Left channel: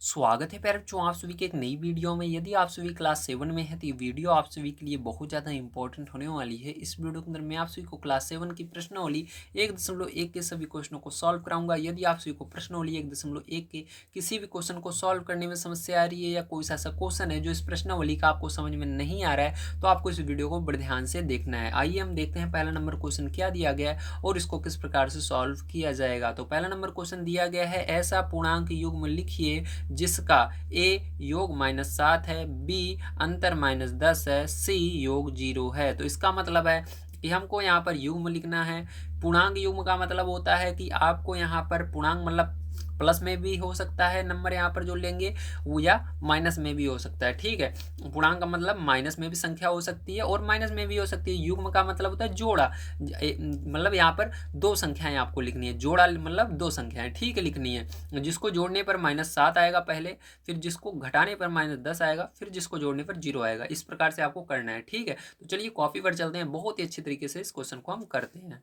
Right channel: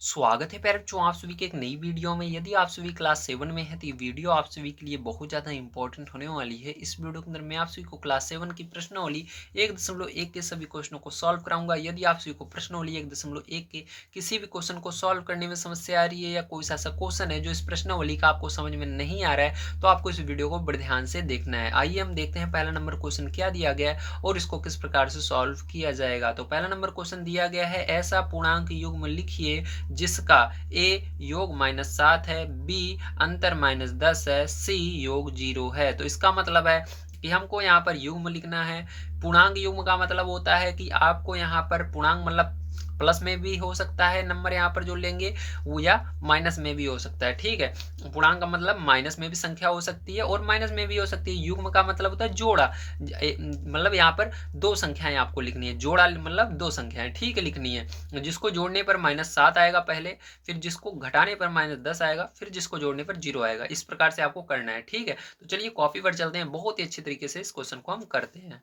स्वागत है बच्चों आप सभी के एक नई वीडियो में। यदि आप सभी क्लास 7 में हैं तो ये वीडियो आप सभी के लिए बहुत ज़्यादा इंपॉर्टेंट होने वाली है। इस वीडियो के अंदर मैं आप सभी को क्लास 7 की प्रश्नावली 1.1 के सभी क्वेश्चनों को सॉल्व कराऊंगा। यदि आप सभी को प्रश्नावली 1.1 के किसी भी क्वेश्चन को सॉल्व करने में समस्या आ रही है या कोई ऐसा क्वेश्चन है जो इस प्रश्नावली का आपको समझ में नहीं आ रहा है तो आपको इस वीडियो को बड़े ध्यान से देखना है। आइए हम देखते हैं पहला नंबर क्वेश्चन क्या दिया गया है और इसको किस प्रकार से सॉल्व किया जाएगा। तो पहला नंबर क्वेश्चन दिया गया है, ऐसा पूर्णांक युग्म लिखिए जिसका ए योग -7 है, बी अंतर -10 है, सी योग 0 है। तो इसका मतलब है कि हमको यहाँ पर युग्म लिखना है। पूर्णांक युग्म का मतलब होता है कि आपको यहाँ पर पूर्णांक मतलब प्लस में भी हो सकता है नंबर यहाँ पर जो लेंगे वो, या माइनस में भी हो सकता है। ठीक है, पूर्णांक का मतलब माइनस में भी संख्या हो सकती है और माइनस में भी हो सकती है। युग्म का मतलब होता है जोड़ा, मतलब यहाँ पर दो संख्याएं आपको लिखनी है। जोड़ा मतलब दो संख्याएं, ठीक है, लिखनी है। जिसको जोड़ने पर -7 आएगा पहले, फिर जिसको घटाने पर -10 आएगा, फिर जिसको जोड़ने पर 0 आएगा। इस प्रकार से आपको करना है। ठीक है, तो चलिए कॉपी पर चलते हैं। बहुत ही अच्छे तरीके से इस क्वेश्चन को हम करते हैं।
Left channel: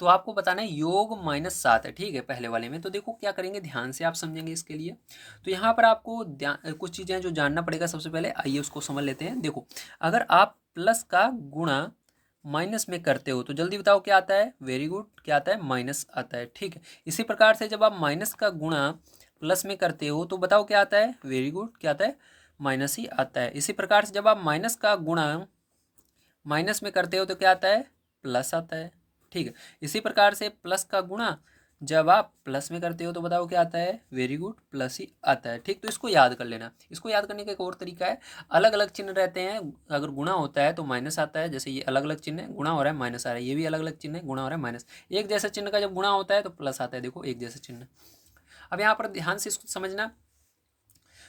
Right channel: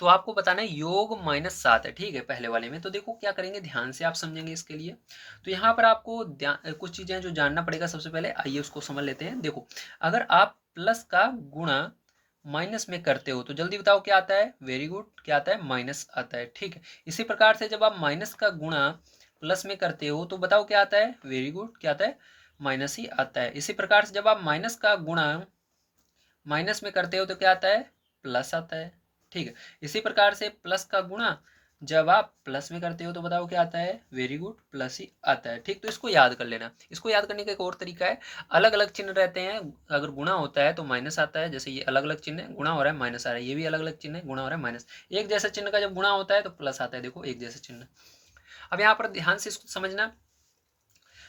तो आपको बताना है योग -7 है। ठीक है, पहले वाले में तो देखो क्या करेंगे, ध्यान से आप समझेंगे इसके लिए। तो यहाँ पर आपको कुछ चीज़ें जो जानना पड़ेगा। सबसे पहले आइए उसको समझ लेते हैं। देखो, अगर आप प्लस का गुणा माइनस में करते हो तो जल्दी बताओ क्या आता है। वेरी गुड, क्या आता है, माइनस आता है। ठीक है, इसी प्रकार से जब आप माइनस का गुणा प्लस में करते हो तो बताओ क्या आता है। वेरी गुड, क्या आता है, माइनस ही आता है। इसी प्रकार से जब आप माइनस का गुणा माइनस में करते हो तो क्या आता है, प्लस आता है। ठीक है, इसी प्रकार से प्लस का गुणा जब आप प्लस में करते हो तो बताओ क्या आता है। वेरी गुड, प्लस ही आता है। ठीक, तो इसको याद कर लेना। इसको याद करने का एक और तरीका है, अलग अलग चिन्ह रहते हैं। अगर गुणा होता है तो माइनस आता है, जैसे ये अलग अलग चिन्ह है, गुणा हो रहा है माइनस आ रहा है। ये भी अलग अलग चिन्ह है, गुणा हो रहा है माइनस। एक जैसे चिन्ह का जब गुणा होता है तो प्लस आता है। देखो, एक जैसे चिन्ह। अब यहाँ पर ध्यान से इसको समझना।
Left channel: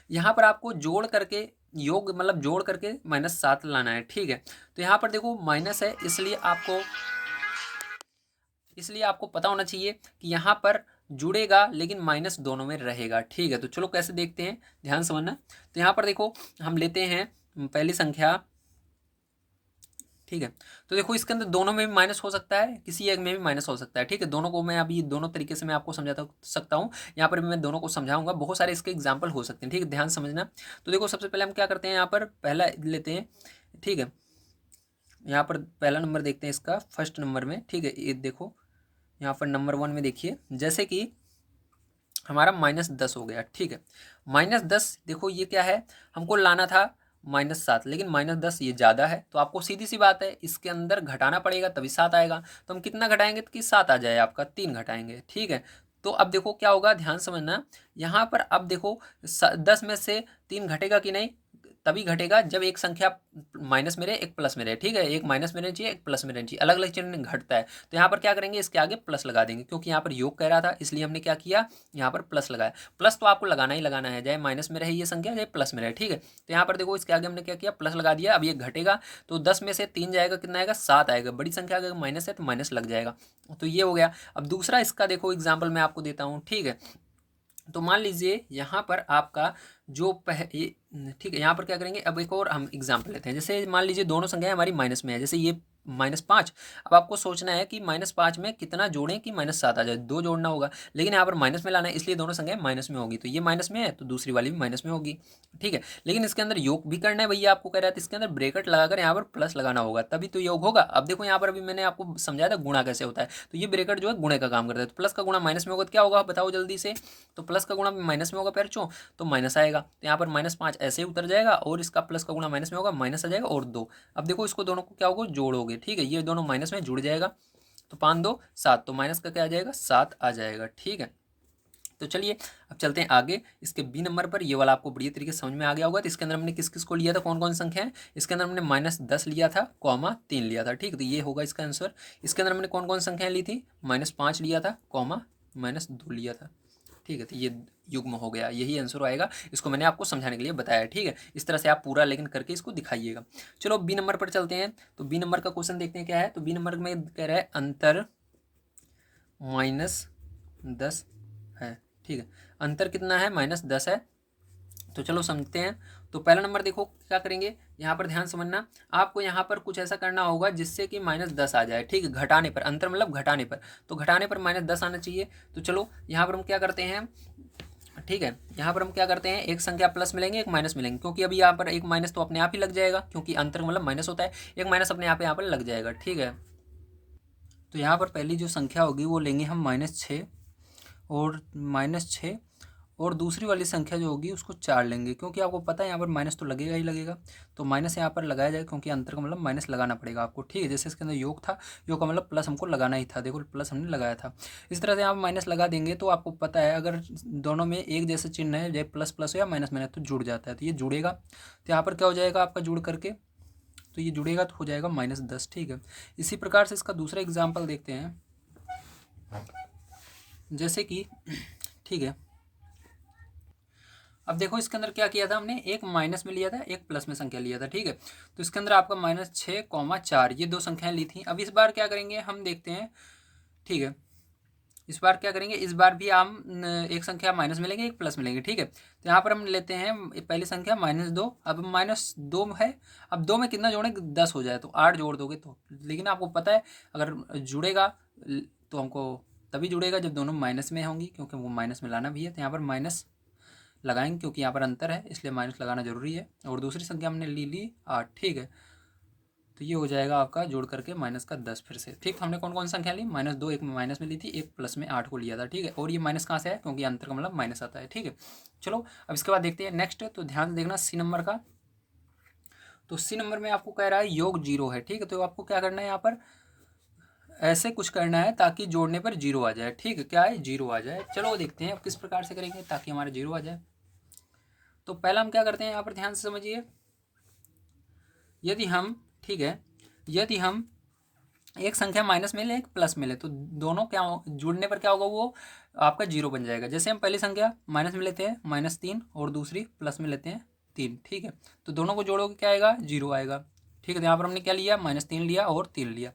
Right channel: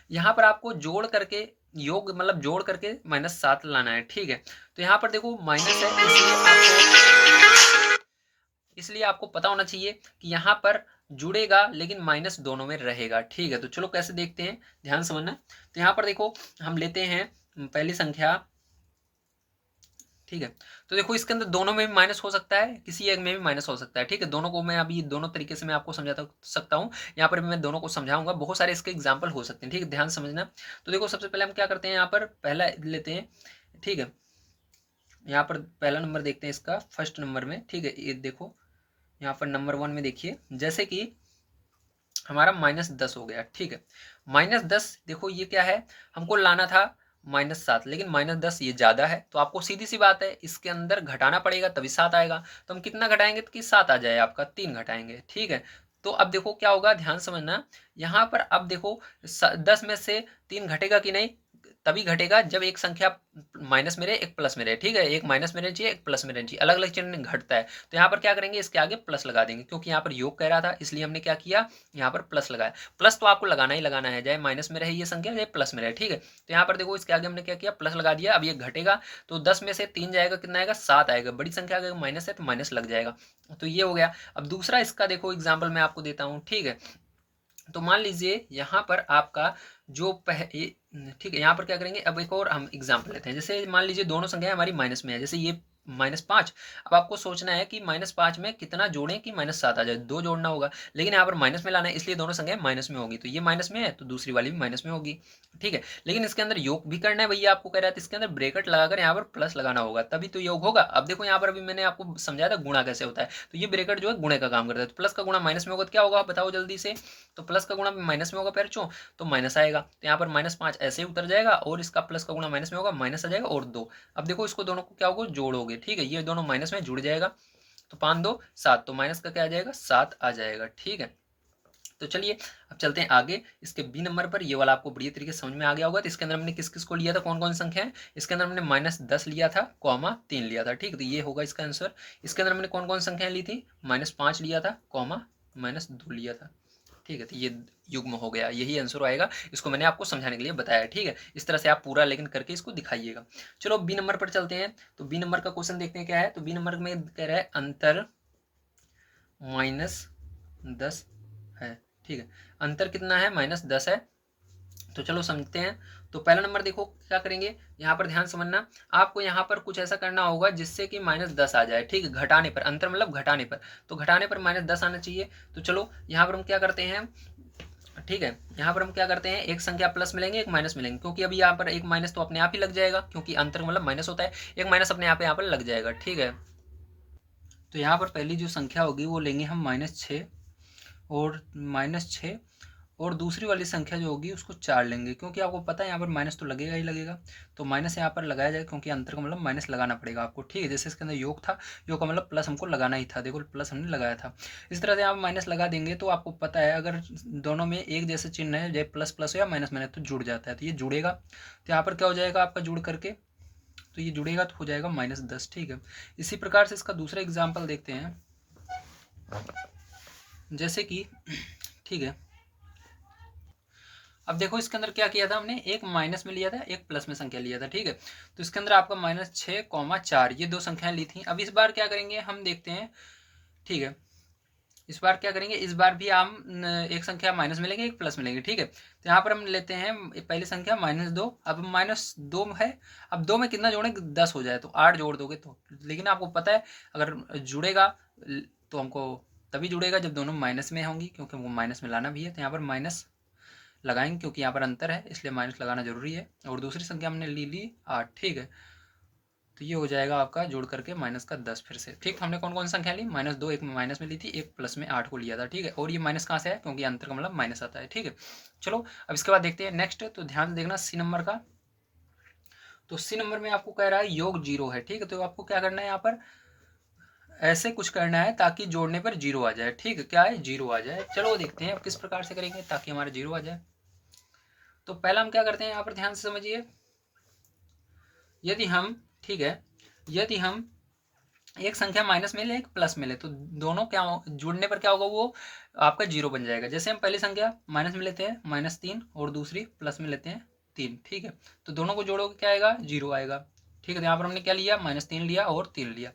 यहाँ पर आपको जोड़ करके योग मतलब जोड़ करके -7 लाना है। ठीक है, तो यहाँ पर देखो माइनस है, इसलिए आपको पता होना चाहिए कि यहाँ पर जुड़ेगा लेकिन माइनस दोनों में रहेगा। ठीक है, तो चलो कैसे देखते हैं, ध्यान समझना। तो यहाँ पर देखो हम लेते हैं पहली संख्या। ठीक है, तो देखो इसके अंदर दोनों में भी माइनस हो सकता है, किसी एक में भी माइनस हो सकता है। ठीक है, दोनों को मैं अभी दोनों तरीके से मैं आपको समझा सकता हूँ। यहाँ पर भी मैं दोनों को समझाऊंगा। बहुत सारे इसके एग्जाम्पल हो सकते हैं। ठीक है, ध्यान समझना। तो देखो सबसे पहले हम क्या करते हैं, यहाँ पर पहला लेते हैं। ठीक है, यहाँ पर पहला नंबर देखते हैं इसका फर्स्ट नंबर में। ठीक है, ये देखो यहाँ पर नंबर 1 में देखिए, जैसे कि हमारा -10 हो गया। ठीक है, -10 देखो ये क्या है, हमको लाना था -7, लेकिन -10 ये ज़्यादा है तो आपको सीधी सी बात है इसके अंदर घटाना पड़ेगा तभी 7 आएगा। तो हम कितना घटाएंगे तो कि 7 आ जाए आपका, 3 घटाएंगे। ठीक है, तो अब देखो क्या होगा, ध्यान समझना। यहाँ पर अब देखो 10 में से 3 घटेगा कि नहीं, तभी घटेगा जब एक संख्या माइनस में रहे एक प्लस में रहे। ठीक है, एक माइनस में रहनी चाहिए एक प्लस में रहनी चाहिए, अलग अलग चिन्ह घटता है। तो यहाँ पर क्या करेंगे, इसके आगे प्लस लगा देंगे, क्योंकि यहाँ पर योग कह रहा था इसलिए हमने क्या किया, यहाँ पर प्लस लगाया। प्लस तो आपको लगाना ही लगाना है, चाहे माइनस में रहे ये संख्या चाहे प्लस में रहे। ठीक है, तो यहाँ पर देखो इसके आगे हमने क्या किया, प्लस लगा दिया। अब ये घटेगा तो 10 में से 3 जाएगा, कितना आएगा, 7 आएगा। बड़ी संख्या अगर माइनस है तो माइनस लग जाएगा। तो ये हो गया। अब दूसरा इसका देखो एग्जाम्पल मैं आपको देता हूँ। ठीक है, तो मान लीजिए यहाँ पर आपका जो ठीक है, यहाँ पर क्या करेंगे, अब एक और हम एग्जाम्पल लेते हैं। जैसे मान लीजिए दोनों संख्याएं हमारी माइनस में है, जैसे ये -5। अब आपको सोचना है कि -5 में कितना जोड़ें कि -7 आ जाए, 2 जोड़ना होगा। लेकिन यहाँ पर माइनस में लाना है, इसलिए दोनों संख्याएं माइनस में होगी। तो ये माइनस में है तो दूसरी वाली भी माइनस में होगी। ठीक है, लेकिन इसके अंदर योग भी करना है भैया, आपको कह रहा था इसके अंदर ब्रेकेट लगाकर यहाँ पर प्लस लगाना होगा तभी तो योग होगा। अब देखो यहाँ पर अभी मैंने आपको समझाया था गुणा कैसे होता है, तो ये ब्रेकेट जो है गुणे का काम करता है। तो प्लस का गुणा माइनस में होगा तो क्या होगा, बताओ जल्दी से। तो प्लस का गुणा माइनस में होगा पैरचो, तो माइनस आएगा। तो यहाँ पर -5 ऐसे ही उतर जाएगा और इसका प्लस का गुणा माइनस में होगा, माइनस आ जाएगा और 2। अब देखो इसको दोनों को क्या होगा, जोड़ोगे। ठीक है, ये दोनों माइनस में जुड़ जाएगा, तो 5 2 7, तो माइनस का क्या आ जाएगा, 7 आ जाएगा। ठीक है, तो चलिए अब चलते हैं आगे। इसके बी नंबर पर ये वाला आपको बढ़िया तरीके से समझ में आ गया होगा। तो इसके अंदर हमने किस किस को लिया था, कौन कौन संख्या है। इसके अंदर हमने -10 लिया था, कॉमा 3 लिया था। ठीक है, तो ये होगा इसका आंसर। इसके अंदर हमने कौन कौन संख्याएं ली थी, -5 लिया था, कॉमा -2 लिया था। ठीक है, तो ये युग्म हो गया, यही आंसर आएगा। इसको मैंने आपको समझाने के लिए बताया। ठीक है, इस तरह से आप पूरा लेकिन करके इसको दिखाइएगा। चलो बी नंबर पर चलते हैं। तो बी नंबर का क्वेश्चन देखते हैं क्या है। तो बी नंबर में कह रहा है अंतर -10 है। ठीक है, अंतर कितना है, -10 है। तो चलो समझते हैं। तो पहला नंबर देखो क्या करेंगे, यहाँ पर ध्यान समझना। आपको यहाँ पर कुछ ऐसा करना होगा जिससे कि -10 आ जाए। ठीक है, घटाने पर, अंतर मतलब घटाने पर, तो घटाने पर -10 आना चाहिए। तो चलो यहाँ पर हम क्या करते हैं। ठीक है। यहाँ पर हम क्या करते हैं, एक संख्या प्लस मिलेंगे, एक माइनस मिलेंगे, क्योंकि अभी यहाँ पर एक माइनस तो अपने आप ही लग जाएगा, क्योंकि अंतर मतलब माइनस होता है, एक माइनस अपने आप यहाँ पर लग जाएगा। ठीक है, तो यहाँ पर पहली जो संख्या होगी वो लेंगे हम -6 और -6, और दूसरी वाली संख्या जो होगी उसको 4 लेंगे, क्योंकि आपको पता है यहाँ पर माइनस तो लगेगा ही लगेगा, तो माइनस यहाँ पर लगाया जाए, क्योंकि अंतर का मतलब माइनस लगाना पड़ेगा आपको। ठीक है, जैसे इसके अंदर योग था, योग का मतलब प्लस हमको लगाना ही था, देखो प्लस हमने लगाया था। इस तरह से आप माइनस लगा देंगे तो आपको पता है अगर दोनों में एक जैसे चिन्ह है, जैसे प्लस प्लस हो या माइनस माइनस, तो जुड़ जाता है, तो ये जुड़ेगा। तो यहाँ पर क्या हो जाएगा आपका जुड़ करके, तो ये जुड़ेगा तो हो जाएगा -10। ठीक है, इसी प्रकार से इसका दूसरा एग्जाम्पल देखते हैं, जैसे कि ठीक है, अब देखो इसके अंदर क्या किया था हमने, एक माइनस में लिया था, एक प्लस में संख्या लिया था। ठीक है, तो इसके अंदर आपका -6, 4 ये दो संख्याएं ली थी। अब इस बार क्या करेंगे हम देखते हैं। ठीक है, इस बार क्या करेंगे, इस बार भी हम एक संख्या माइनस मिलेंगे, एक प्लस मिलेंगे। ठीक है, तो यहाँ पर हम लेते हैं पहली संख्या -2। अब -2 है, अब 2 में कितना जोड़ेंगे, 10 हो जाए, तो 8 जोड़ दोगे तो, लेकिन आपको पता है अगर जुड़ेगा तो हमको तभी जुड़ेगा जब दोनों माइनस में होंगी, क्योंकि वो माइनस में लाना भी है, तो यहाँ पर माइनस लगाएंगे, क्योंकि यहाँ पर अंतर है इसलिए माइनस लगाना जरूरी है। और दूसरी संख्या हमने ली 8। ठीक है, तो ये हो जाएगा आपका जोड़ करके -10 फिर से। ठीक, हमने कौन कौन सी संख्या ली, -2 एक माइनस में ली थी, एक प्लस में 8 को लिया था। ठीक है, और ये माइनस कहाँ से है, क्योंकि अंतर का मतलब माइनस आता है। ठीक है, चलो अब इसके बाद देखते हैं नेक्स्ट। तो ध्यान से देखना सी नंबर का, तो सी नंबर में आपको कह रहा है योग 0 है। ठीक है, तो आपको क्या करना है, यहाँ पर ऐसे कुछ करना है ताकि जोड़ने पर 0 आ जाए। ठीक है, क्या है, 0 आ जाए। चलो देखते हैं अब किस प्रकार से करेंगे ताकि हमारा 0 आ जाए। तो पहला हम क्या करते हैं, यहाँ पर ध्यान से समझिए, यदि हम, ठीक है, यदि हम एक संख्या माइनस में ले, एक प्लस में ले, तो दोनों क्या जुड़ने पर क्या होगा, वो आपका 0 बन जाएगा। जैसे हम पहली संख्या माइनस में लेते हैं -3 और दूसरी प्लस में लेते हैं 3। ठीक है, तो दोनों को जोड़ोगे क्या आएगा, 0 आएगा। ठीक है, तो यहाँ पर हमने क्या लिया, -3 लिया और 3 लिया।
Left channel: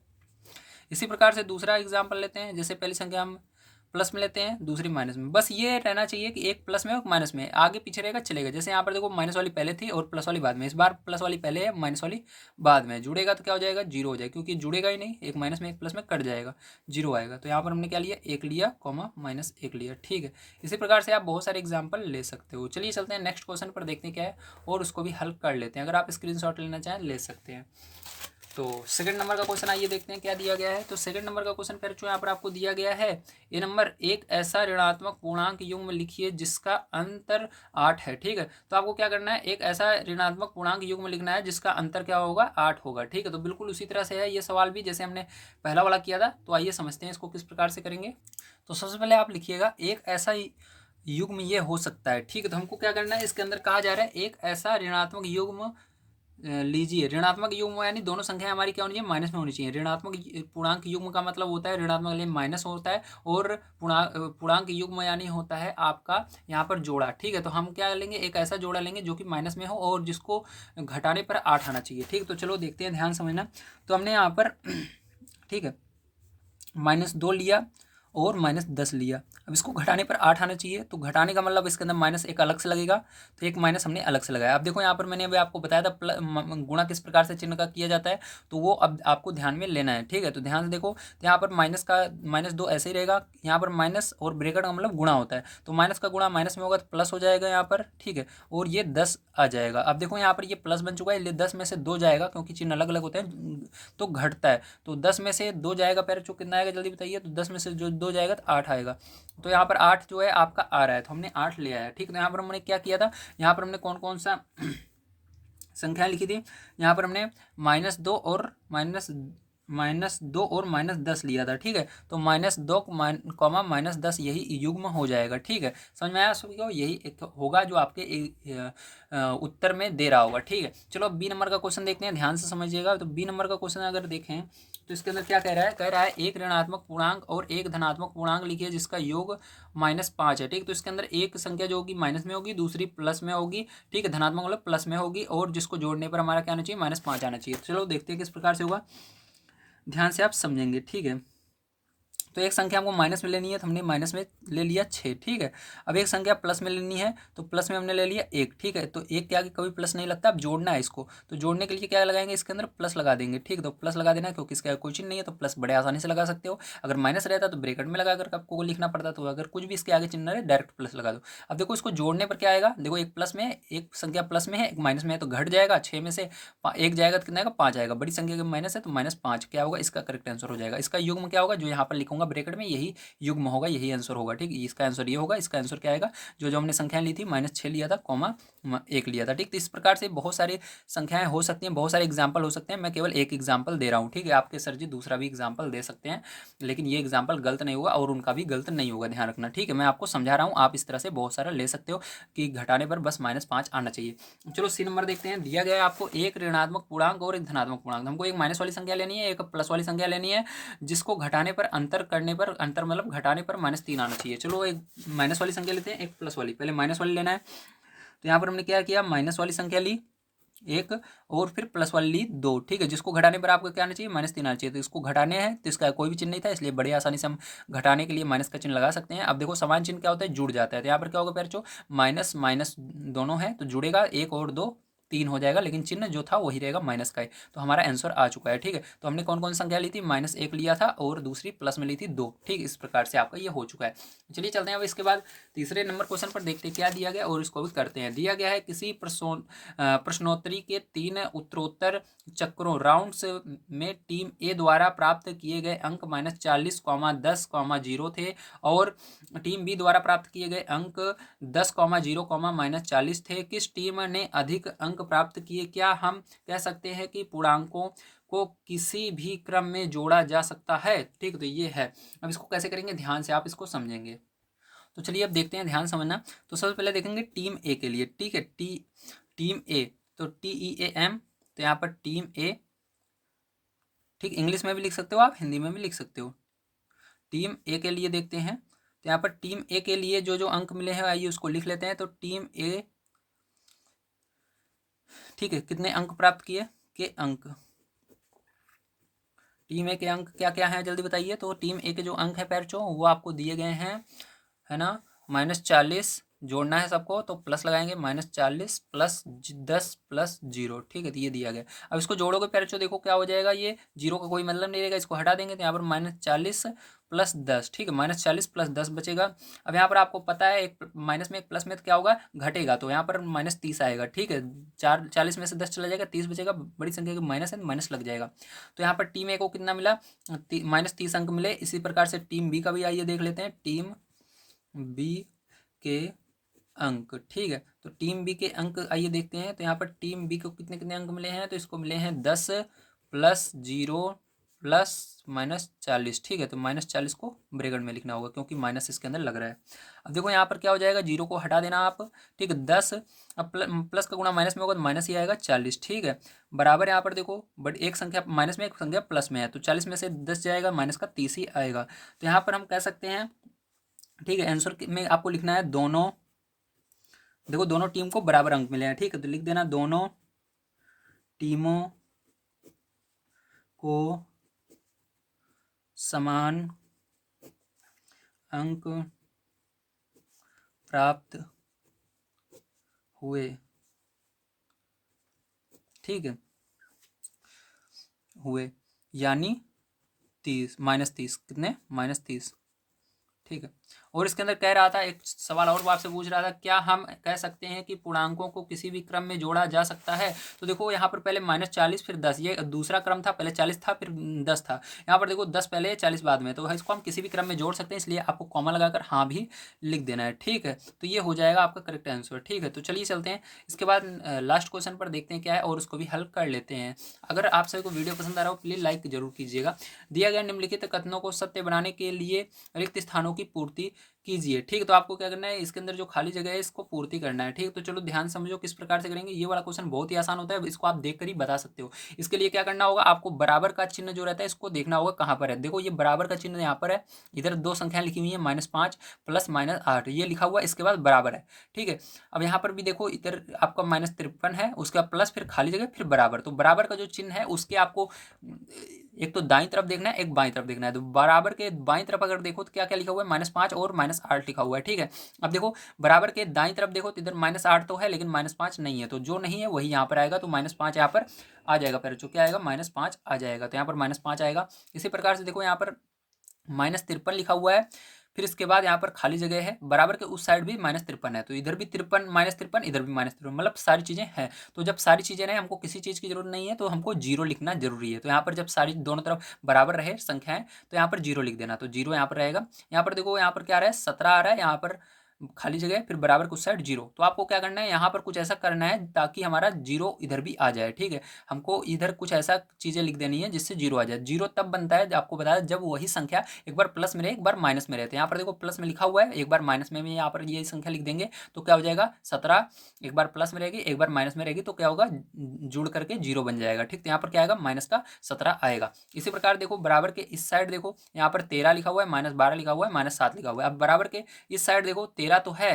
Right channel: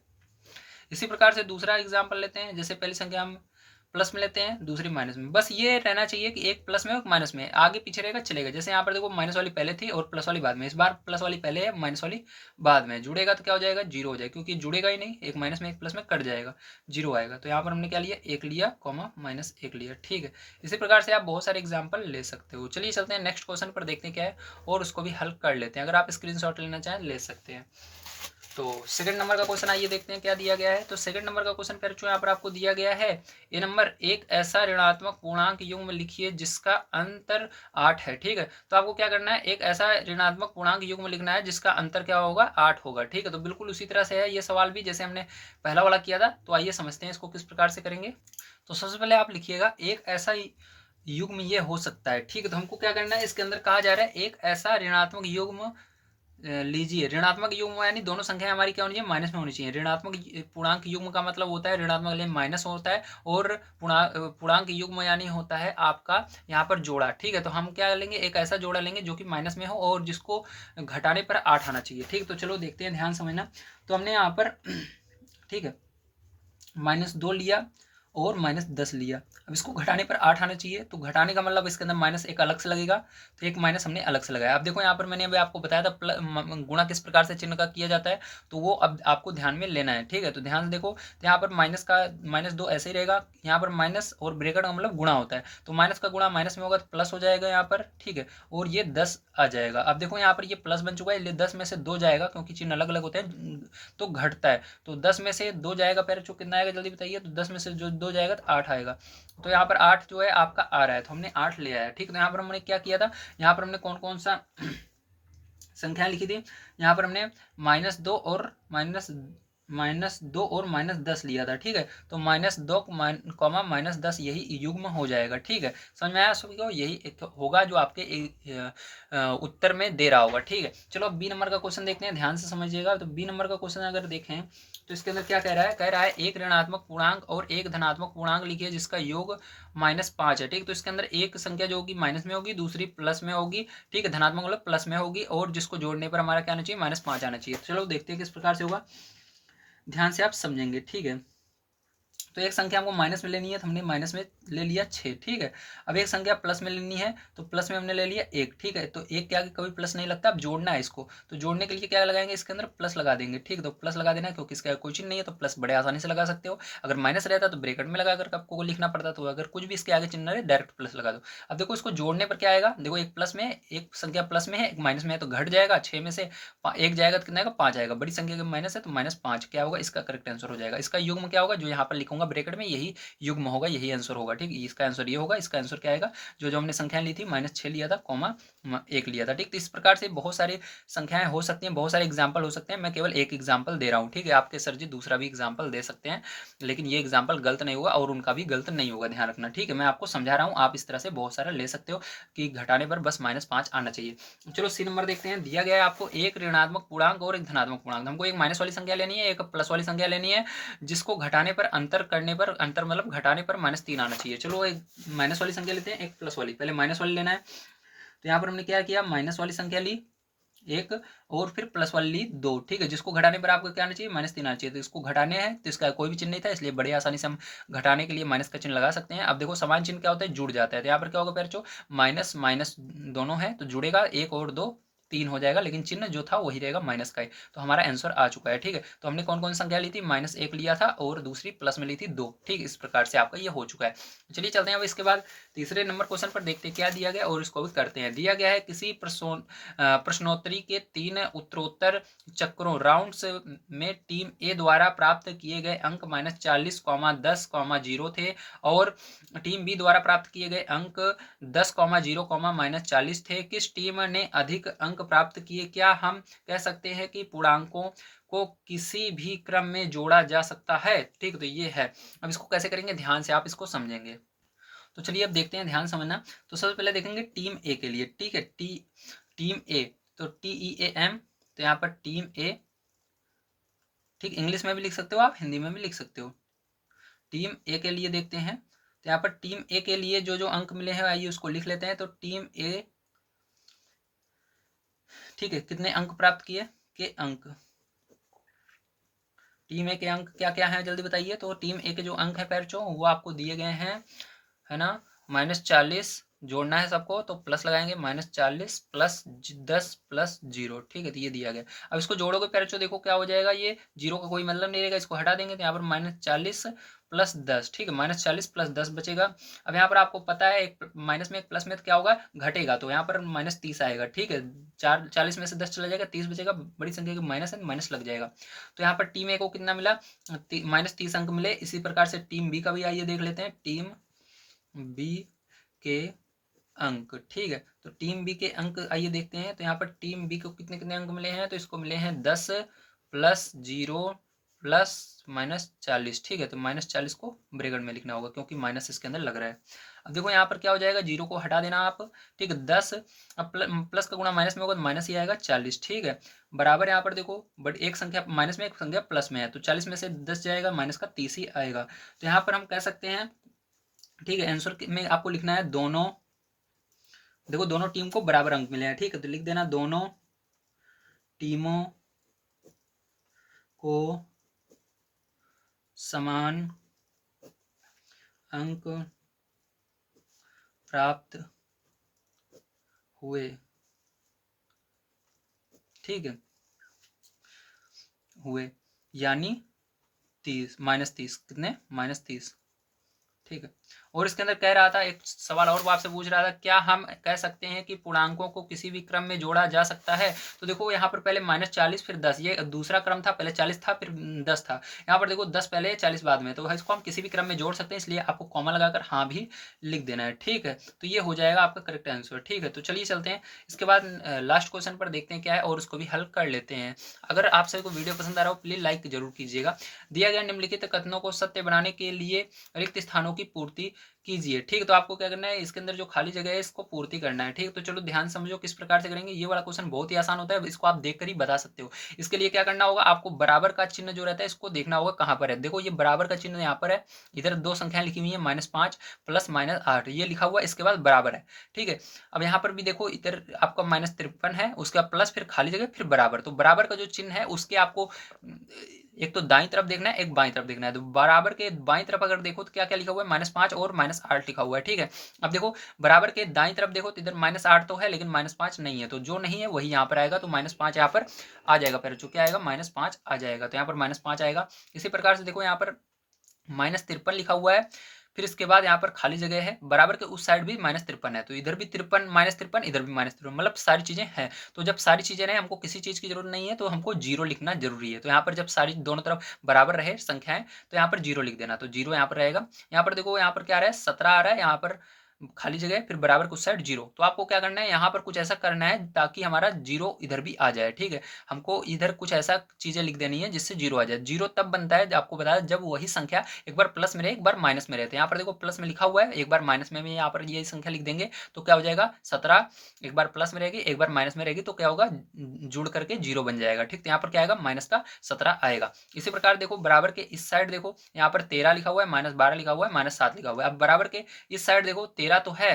इसी प्रकार से दूसरा एग्जाम्पल लेते हैं, जैसे पहली संख्या हम प्लस में लेते हैं, दूसरी माइनस में। बस ये रहना चाहिए कि एक प्लस में और माइनस में, आगे पीछे रहेगा चलेगा। जैसे यहाँ पर देखो माइनस वाली पहले थी और प्लस वाली बाद में, इस बार प्लस वाली पहले है, माइनस वाली बाद में, जुड़ेगा तो क्या हो जाएगा, 0 हो जाएगा, क्योंकि जुड़ेगा ही नहीं, एक माइनस में एक प्लस में कट जाएगा, 0 आएगा। तो यहाँ पर हमने क्या लिया, 1 लिया, कॉमा -1 लिया। ठीक है, इसी प्रकार से आप बहुत सारे एग्जाम्पल ले सकते हो। चलिए चलते हैं नेक्स्ट क्वेश्चन पर, देखते हैं क्या है और उसको भी हल कर लेते हैं। अगर आप स्क्रीनशॉट लेना चाहें ले सकते हैं। तो सेकंड नंबर का क्वेश्चन आइए देखते हैं क्या दिया गया है। तो सेकंड नंबर का क्वेश्चन कर चुके, यहाँ पर आपको दिया गया है ए नंबर, एक ऐसा ऋणात्मक पूर्णांक युग्म लिखिए जिसका अंतर 8 है। ठीक है, तो आपको क्या करना है, एक ऐसा ऋणात्मक पूर्णांक युग्म लिखना है जिसका अंतर क्या होगा, 8 होगा। ठीक है, तो बिल्कुल उसी तरह से है ये सवाल भी, जैसे हमने पहला वाला किया था। तो आइए समझते हैं इसको किस प्रकार से करेंगे। तो सबसे पहले आप लिखिएगा एक ऐसा युग्म ये हो सकता है। ठीक है, तो हमको क्या करना है, इसके अंदर कहा जा रहा है एक ऐसा ऋणात्मक युग्म लीजिए। ऋणात्मक युग्म यानी दोनों संख्याएं हमारी क्या होनी चाहिए, माइनस में होनी चाहिए। ऋणात्मक पूर्णांक युग्म का मतलब होता है ऋणात्मक यानी माइनस होता है, और पूर्णांक युग्म यानी होता है आपका यहाँ पर जोड़ा। ठीक है, तो हम क्या लेंगे, एक ऐसा जोड़ा लेंगे जो कि माइनस में हो और जिसको घटाने पर 8 आना चाहिए। ठीक है, तो चलो देखते हैं, ध्यान समझना। तो हमने यहाँ पर ठीक है -2 लिया और -10 लिया। अब इसको घटाने पर 8 आना चाहिए, तो घटाने का मतलब इसके अंदर माइनस एक अलग से लगेगा, तो एक माइनस हमने अलग से लगाया। अब देखो यहाँ पर मैंने अभी आपको बताया था गुणा किस प्रकार से चिन्ह का किया जाता है, तो वो अब आपको ध्यान में लेना है। ठीक है, तो ध्यान से देखो, तो यहाँ पर -2 ऐसे ही रहेगा, यहाँ पर माइनस और ब्रेकेट का मतलब गुणा होता है, तो माइनस का गुणा माइनस में होगा तो प्लस हो जाएगा यहाँ पर। ठीक है, और ये 10 आ जाएगा। अब देखो यहाँ पर ये प्लस बन चुका है, 10 में से 2 जाएगा, क्योंकि चिन्ह अलग अलग होते हैं तो घटता है, तो 10 में से 2 जाएगा, पहले जो कितना आएगा जल्दी बताइए, तो 10 में से जो 2 जाएगा तो 8 आएगा। तो यहाँ पर 8 जो है आपका आ रहा है, तो हमने 8 ले आया। ठीक है, तो यहाँ पर हमने क्या किया था, यहाँ पर हमने कौन कौन सा संख्या लिखी थी, यहाँ पर हमने -2 और -10 लिया था। ठीक है, तो -2 कॉमा -10 यही युग्म हो जाएगा। ठीक है, समझ में आया सभी को, यही एक होगा जो आपके उत्तर में दे रहा होगा। ठीक है, चलो अब बी नंबर का क्वेश्चन देखते हैं, ध्यान से समझिएगा। तो बी नंबर का क्वेश्चन अगर देखें तो इसके अंदर क्या कह रहा है, एक ऋणात्मक पूर्णांक और एक धनात्मक पूर्णांक लिखिए जिसका योग -5 है। ठीक, तो इसके अंदर एक संख्या जो होगी माइनस में होगी, दूसरी प्लस में होगी। ठीक है, धनात्मक मतलब प्लस में होगी, और जिसको जोड़ने पर हमारा क्या आना चाहिए, -5 आना चाहिए। तो चलो देखते हैं किस प्रकार से होगा, ध्यान से आप समझेंगे। ठीक है, तो एक संख्या हमको माइनस में लेनी है तो हमने माइनस में ले लिया 6, ठीक है। अब एक संख्या प्लस में लेनी है तो प्लस में हमने ले लिया 1, ठीक है। तो एक के आगे कभी प्लस नहीं लगता। अब जोड़ना है इसको, तो जोड़ने के लिए क्या लगाएंगे, इसके अंदर प्लस लगा देंगे, ठीक है। तो प्लस लगा देना है क्योंकि इसका कोई चिन्ह नहीं है तो प्लस बड़े आसानी से लगा सकते हो। अगर माइनस रहता तो ब्रैकेट में लगा कर आपको लिखना पड़ता, तो अगर कुछ भी इसके आगे चिन्ह रहे डायरेक्ट प्लस लगा दो। अब देखो इसको जोड़ने पर क्या आएगा, देखो एक प्लस में, एक संख्या प्लस में है एक माइनस में है तो घट जाएगा 6 में से एक जाएगा तो कितना आएगा, 5 आएगा। बड़ी संख्या का माइनस है तो -5 क्या होगा, इसका करेक्ट आंसर हो जाएगा। इसका युग्म क्या होगा, जो यहाँ पर लिखूंगा ब्रैकेट में यही युग्म होगा, यही आंसर होगा, ठीक है। इसका आंसर ये होगा। इसका आंसर क्या आएगा, जो जो हमने संख्याएं ली थी -6 लिया था, कॉमा 1 लिया था, ठीक। तो इस प्रकार से बहुत सारी संख्याएं हो सकती हैं, बहुत सारे एग्जाम्पल हो सकते हैं। मैं केवल एक एग्जाम्पल दे रहा हूँ, ठीक है। आपके सर जी दूसरा भी एग्जाम्पल दे सकते हैं, लेकिन ये एग्जाम्पल गलत नहीं होगा और उनका भी गलत नहीं होगा, ध्यान रखना, ठीक है। मैं आपको समझा रहा हूँ, आप इस तरह से बहुत सारा ले सकते हो कि घटाने पर बस -5 आना चाहिए। चलो सी नंबर देखते हैं। दिया गया है आपको एक ऋणात्मक पूर्णांक और एक धनात्मक पूर्णांक। हमको एक माइनस वाली संख्या लेनी है, एक प्लस वाली संख्या लेनी है, जिसको घटाने पर अंतर करने पर, अंतर मतलब घटाने पर -3 आना चाहिए। चलो एक माइनस वाली संख्या लेते हैं, एक प्लस वाली। पहले माइनस वाली लेना है, तो यहाँ पर हमने क्या किया, माइनस वाली संख्या ली एक और फिर प्लस वाली ली 2, ठीक है। जिसको घटाने पर आपको क्या आना चाहिए, -3 आना चाहिए। तो इसको घटाने हैं तो इसका कोई भी चिन्ह नहीं था, इसलिए बड़ी आसानी से हम घटाने के लिए माइनस का चिन्ह लगा सकते हैं। अब देखो समान चिन्ह क्या होता है, जुड़ जाता है। तो यहाँ पर क्या होगा बच्चों, माइनस माइनस दोनों है तो जुड़ेगा, 1 और 2 3 हो जाएगा, लेकिन चिन्ह जो था वही रहेगा माइनस का ही। तो हमारा आंसर आ चुका है, ठीक है। तो हमने कौन कौन सी संख्या ली थी, -1 लिया था और दूसरी प्लस में ली थी 2, ठीक। इस प्रकार से आपका ये हो चुका है। चलिए चलते हैं अब इसके बाद तीसरे नंबर क्वेश्चन पर, देखते हैं क्या दिया गया और इसको भी करते हैं। दिया गया है किसी प्रश्नोत्तरी के 3 उत्तरोत्तर चक्रों राउंड्स में टीम ए द्वारा प्राप्त किए गए अंक -40, 10, 0 थे और टीम बी द्वारा प्राप्त किए गए अंक 10, 0, -40 थे। किस टीम ने अधिक अंक प्राप्त किए? क्या हम कह सकते हैं कि पूर्णांकों को किसी भी क्रम में जोड़ा जा सकता है, ठीक। तो ये है। अब इसको कैसे करेंगे, ध्यान से आप इसको समझेंगे। तो चलिए अब देखते हैं, ध्यान समझना। तो सबसे पहले देखेंगे टीम ए के लिए, ठीक है। टीम ए, तो TEAM, तो यहाँ पर टीम ए, ठीक। इंग्लिश में भी लिख सकते हो आप, हिंदी में भी लिख सकते हो। टीम ए के लिए देखते हैं, तो यहाँ पर टीम ए के लिए जो जो अंक मिले हैं आइए उसको लिख लेते हैं। तो टीम ए, ठीक है, कितने अंक प्राप्त किए, के अंक, टीम ए के अंक क्या क्या हैं जल्दी बताइए। तो टीम ए के जो अंक है पैरचो वो आपको दिए गए हैं, है ना। -40 जोड़ना है सबको, तो प्लस लगाएंगे, -40 प्लस 10 प्लस 0, ठीक है। तो ये दिया गया। अब इसको जोड़ोगे पैरचो, देखो क्या हो जाएगा, ये 0 का कोई मतलब नहीं रहेगा, इसको हटा देंगे तो यहाँ पर -40 प्लस 10, ठीक है। -40 प्लस 10 बचेगा। अब यहाँ पर आपको पता है एक माइनस में एक प्लस में तो क्या होगा, घटेगा, तो यहाँ पर -30 आएगा, ठीक है। 40 में से 10 चला जाएगा, 30 बचेगा। बड़ी संख्या की माइनस है तो माइनस लग जाएगा। तो यहाँ पर टीम ए को कितना मिला, -30 अंक मिले। इसी प्रकार से टीम बी का भी आइए देख लेते हैं, टीम बी के अंक, ठीक है। तो टीम बी के अंक आइए देखते हैं। तो यहाँ पर टीम बी को कितने कितने अंक मिले हैं, तो इसको मिले हैं 10 प्लस 0 प्लस -40, ठीक है। तो -40 को ब्रैकेट में लिखना होगा क्योंकि माइनस इसके अंदर लग रहा है। अब देखो यहाँ पर क्या हो जाएगा, 0 को हटा देना आप, ठीक है। 10, अब प्लस का गुणा माइनस में होगा तो माइनस ही आएगा 40, ठीक है। बराबर यहाँ पर देखो, बट एक संख्या माइनस में एक संख्या प्लस में है, तो 40 में से 10 जाएगा, माइनस का 30 ही आएगा। तो यहाँ पर हम कह सकते हैं, ठीक है। आंसर में आपको लिखना है दोनों, देखो दोनों टीम को बराबर अंक मिले हैं, ठीक है। तो लिख देना दोनों टीमों को समान अंक प्राप्त हुए, ठीक है, हुए, यानी 30 -30 कितने, -30, ठीक है। और इसके अंदर कह रहा था, एक सवाल और वो आपसे पूछ रहा था, क्या हम कह सकते हैं कि पूर्णांकों को किसी भी क्रम में जोड़ा जा सकता है? तो देखो यहाँ पर पहले -40 फिर 10, ये दूसरा क्रम था, पहले 40 था फिर 10 था। यहाँ पर देखो 10 पहले 40 बाद में, तो इसको हम किसी भी क्रम में जोड़ सकते हैं, इसलिए आपको कॉमा लगाकर हाँ भी लिख देना है, ठीक है। तो ये हो जाएगा आपका करेक्ट आंसर, ठीक है। तो चलिए चलते हैं इसके बाद लास्ट क्वेश्चन पर, देखते हैं क्या है और उसको भी हल कर लेते हैं। अगर आप सभी को वीडियो पसंद आ रहा हो प्लीज लाइक जरूर कीजिएगा। दिया गया निम्नलिखित कथनों को सत्य बनाने के लिए रिक्त स्थानों की पूर्ति कीजिए, ठीक है। तो आपको क्या करना है, इसके अंदर जो खाली जगह है इसको पूर्ति करना है, ठीक है। तो चलो ध्यान समझो किस प्रकार से करेंगे। ये वाला क्वेश्चन बहुत ही आसान होता है, इसको आप देख कर ही बता सकते हो। इसके लिए क्या करना होगा, आपको बराबर का चिन्ह जो रहता है इसको देखना होगा कहाँ पर है। देखो ये बराबर का चिन्ह यहाँ पर है, इधर दो संख्याएं लिखी हुई है, -5 प्लस -8 ये लिखा हुआ, इसके बाद बराबर है, ठीक है। अब यहाँ पर भी देखो, इधर आपका -53 है, उसके बाद प्लस फिर खाली जगह फिर बराबर, तो बराबर का जो चिन्ह है उसके आपको एक तो दाईं तरफ देखना है, एक बाईं तरफ देखना है। तो बराबर के बाईं तरफ अगर देखो तो क्या क्या लिखा हुआ है, -5 और -8 लिखा हुआ है, ठीक है। अब देखो बराबर के दाईं तरफ देखो तो इधर -8 तो है लेकिन -5 नहीं है, तो जो नहीं है वही यहाँ पर आएगा, तो -5 यहाँ पर आ जाएगा। पहले जो क्या आएगा, -5 आ जाएगा, तो यहाँ पर -5 आएगा। इसी प्रकार से देखो यहाँ पर -53 लिखा हुआ है, फिर इसके बाद यहाँ पर खाली जगह है, बराबर के उस साइड भी -53 है, तो इधर भी 53 -53, इधर भी -53, मतलब सारी चीज़ें हैं। तो जब सारी चीज़ें नहीं, हमको किसी चीज़ की जरूरत नहीं है, तो हमको जीरो लिखना जरूरी है। तो यहाँ पर जब सारी दोनों तरफ बराबर रहे संख्याएं, तो यहाँ पर जीरो लिख देना, तो जीरो यहाँ पर रहेगा। यहाँ पर देखो यहाँ पर क्या आ रहा है, 17 आ रहा है, यहाँ पर खाली जगह फिर बराबर के उस साइड जीरो। तो आपको क्या करना है, यहाँ पर कुछ ऐसा करना है ताकि हमारा जीरो इधर भी आ जाए, ठीक है। हमको इधर कुछ ऐसा चीज़ें लिख देनी है जिससे जीरो आ जाए। जीरो तब बनता है, आपको बताया, जब वही संख्या एक बार प्लस में रहे, एक बार माइनस में रहे। तो यहाँ पर देखो प्लस में लिखा हुआ है, एक बार माइनस में भी यहाँ पर ये संख्या लिख देंगे, तो क्या हो जाएगा, 17 एक बार प्लस में रहेगी, एक बार माइनस में रहेगी, तो क्या होगा, जुड़ करके जीरो बन जाएगा, ठीक। तो यहाँ पर क्या आएगा, -17 आएगा। इसी प्रकार देखो बराबर के इस साइड देखो, यहाँ पर 13 लिखा हुआ है, -12 लिखा हुआ है, -7 लिखा हुआ है। अब बराबर के इस साइड देखो 13 तो है,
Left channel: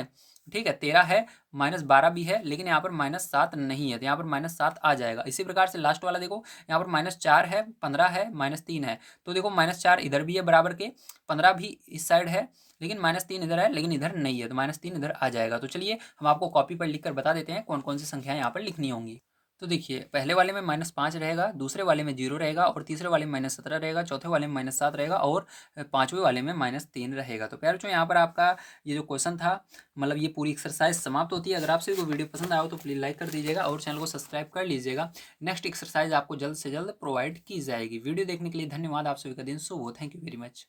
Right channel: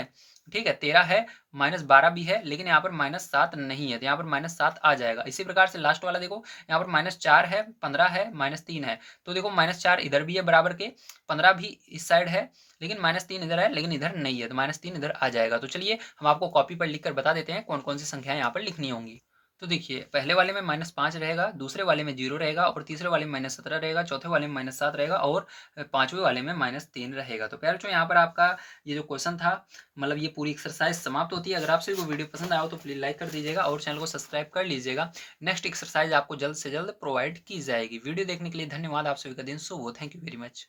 ठीक है, 13 है, -12 भी है, लेकिन यहाँ पर -7 नहीं है, तो यहाँ पर -7 आ जाएगा। इसी प्रकार से लास्ट वाला देखो, यहाँ पर -4 है, 15 है, -3 है, तो देखो -4 इधर भी है बराबर के, 15 भी इस साइड है, लेकिन -3 इधर है, लेकिन इधर नहीं है, तो -3 इधर आ जाएगा। तो चलिए हम आपको कॉपी पर लिख कर बता देते हैं कौन कौन सी संख्याएं यहाँ पर लिखनी होंगी। तो देखिए, पहले वाले में -5 रहेगा, दूसरे वाले में 0 रहेगा, और तीसरे वाले में -17 रहेगा, चौथे वाले में -7 रहेगा, और पांचवें वाले में -3 रहेगा। तो प्यारे बच्चों, यहाँ पर आपका ये जो क्वेश्चन था, मतलब ये पूरी एक्सरसाइज समाप्त होती है। अगर आपसे कोई वीडियो पसंद आया हो तो प्लीज़ लाइक कर दीजिएगा और चैनल को सब्सक्राइब कर लीजिएगा। नेक्स्ट एक्सरसाइज आपको जल्द से जल्द प्रोवाइड की जाएगी। वीडियो देखने के लिए धन्यवाद। आप सभी का दिन शुभ हो। Thank you very much.